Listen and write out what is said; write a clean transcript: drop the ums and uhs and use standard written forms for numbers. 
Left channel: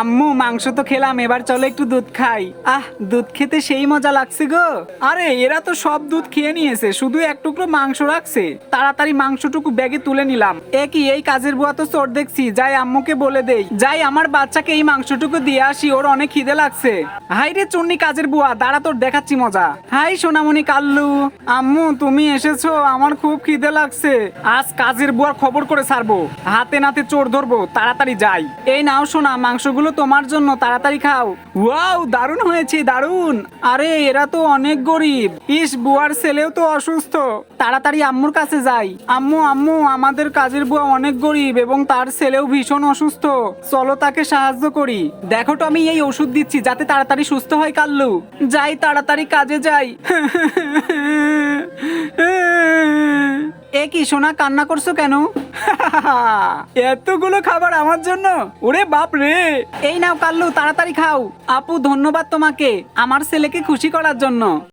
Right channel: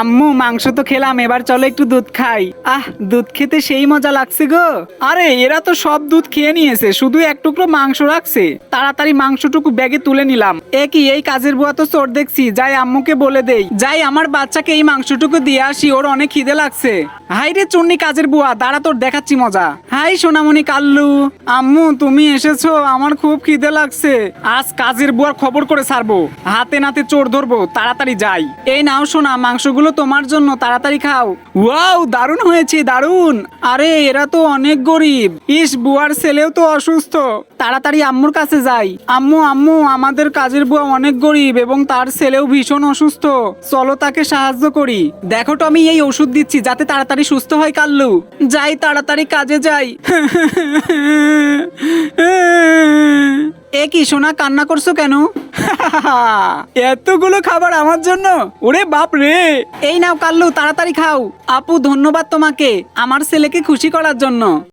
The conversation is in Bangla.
আম্মু মাংস তো খেলাম, এবার চলো একটু দুধ খাই। দুধ খেতে সেই মজা লাগছে গো। আরে এরা তো সব দুধ খেয়ে নিয়েছে, শুধু এক টুকরো মাংস রাখছে। তাড়াতাড়ি মাংসটুকু ব্যাগে তুলে নিলাম। এই কাজের বুয়া তো চোর দেখছি, যাই আম্মুকে বলে দেই, যাই আমার বাচ্চাকে এই মাংসটুকু দিয়ে আসি, ওর অনেক খিদে লাগছে। হাই রে চুন্নি কাজের বুয়া, দাঁড়া তোর দেখাচ্ছি মজা। হাই সোনামণি কাল্লু, আম্মু তুমি এসেছো, আমার খুব খিদে লাগছে। আজ কাজের বুয়ার খবর করে ছাড়বো, হাতে নাতে চোর ধরবো, তাড়াতাড়ি যাই। এই নাও সোনা, মাংসগুলো তোমার জন্য, তাড়াতাড়ি খাও। ওয়াও, দারুণ হয়েছে দারুণ। আরে এরা তো অনেক গরিব। ইস, বুয়ার ছেলেও তো অসুস্থ। তাড়াতাড়ি আম্মুর কাছে যাই। আম্মু আম্মু, আমাদের কাজের বুয়া অনেক গরিব এবং তার ছেলেও ভীষণ অসুস্থ, চলো তাকে সাহায্য করি। দেখো তো আমি এই ওষুধ দিচ্ছি যাতে তাড়াতাড়ি সুস্থ হয় কাল্লু। যাই, তাড়াতাড়ি কাজে যাই। কি সোনা, কান্না করছো কেন? এতগুলো খাবার আমার জন্য? ওরে বাপ রে। এই নাও কাল্লু, তাড়াতাড়ি খাও। আপু ধন্যবাদ তোমাকে আমার ছেলেকে খুশি করার জন্য।